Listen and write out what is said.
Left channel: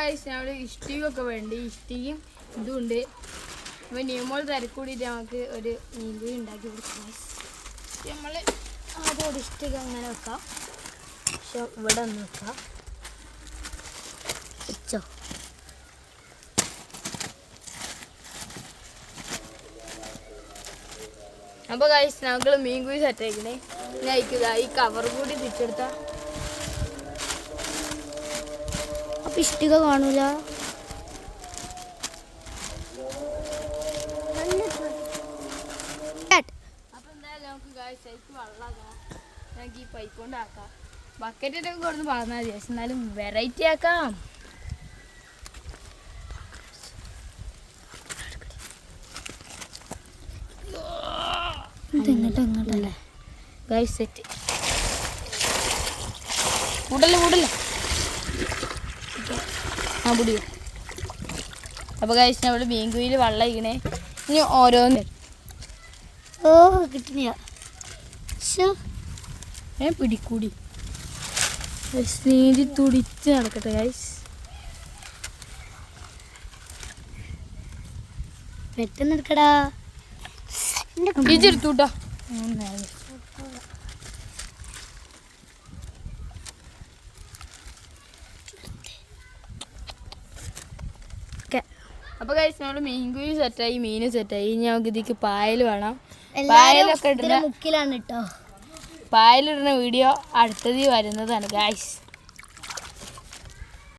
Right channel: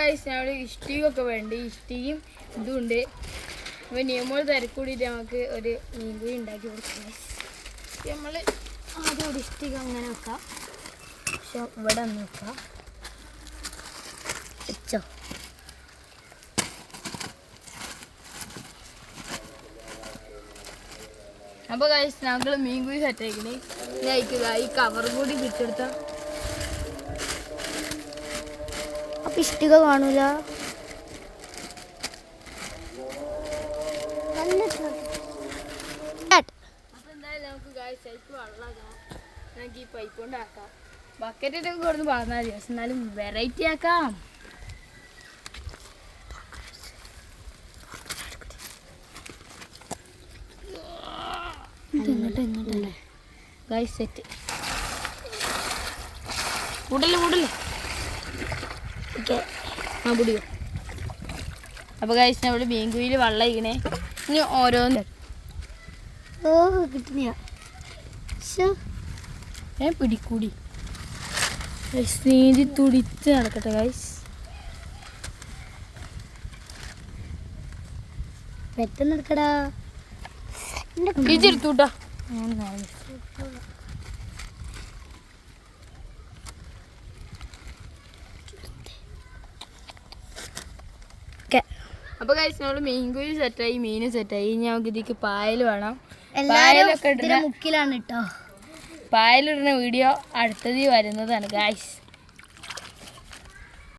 Guys ഞങ്ങൾ ഇഷ്ടികൊക്കെ വേണ്ടി ഇഷ്ടിയും ഇതുണ്ട്. അപ്പോൾ നിയമങ്ങൾ തിരക്കൂടിയിട്ട് നമുക്ക് ഒരു മീൻകുഴി ഉണ്ടാക്കി കൊടുക്കാം. നമ്മൾ ആദ്യം ഒരു ഇഷ്ടിക അങ്ങനെ വെക്കാം. പക്ഷെ ഇവിടെ ഒന്ന് വെക്കാം. വെച്ചോ. അപ്പോൾ ഗൈസ് ഞങ്ങൾ മീൻകുഴി സെറ്റ് ആക്കിയത് ഇതായിട്ടില്ല. ഈ കവർ കൂടി പിടിച്ചെടുത്ത അപ്പം ഇഷ്ടിക കാണൂല. അപ്പം എന്തായാലും നമുക്ക് ഗൈസ് ശരിക്കും വെള്ളമാക്കാം. നമുക്ക് ഈ പൈപ്പ് കൊണ്ടാക്കാം. ബക്കറ്റിട്ടൊക്കെ കൊടുത്ത് വളർന്നാൽ മതി. പക്ഷെ എന്നാലും വെറൈറ്റി ആക്കാം. ഇങ്ങോട്ടല്ലേ ഗൈസ് സെറ്റ് കൂടല്ലേ ഓക്കെ ആ പൊടിയോ. അപ്പോൾ ഗൈസ് നമ്മുടെ മീൻകുഴിയിൽ വെള്ളം ഇങ്ങനെ ഇനി ഓരോന്ന് കിട്ടുന്ന പിടിക്കൂടി നീന്തി തുടിച്ച് നടക്കട്ടെ ഗൈസ്. പെട്ടെന്ന് എടുക്കടാ. ഇതെടുത്തൂട്ടാ. അപ്പോൾ ഗൈസ് നമ്മൾ മീൻകുഴി സെറ്റായി, മീൻ സെറ്റായി. ഇനി നമുക്ക് ഇതിക്ക് പായൽ വേണം. പായലൊക്കെ ഇടുന്ന മുക്കിലാണ് കേട്ടോ. പായലിടുന്ന വീഡിയോ അടുത്തത് വരുന്നതാണ് ഗൈസ്.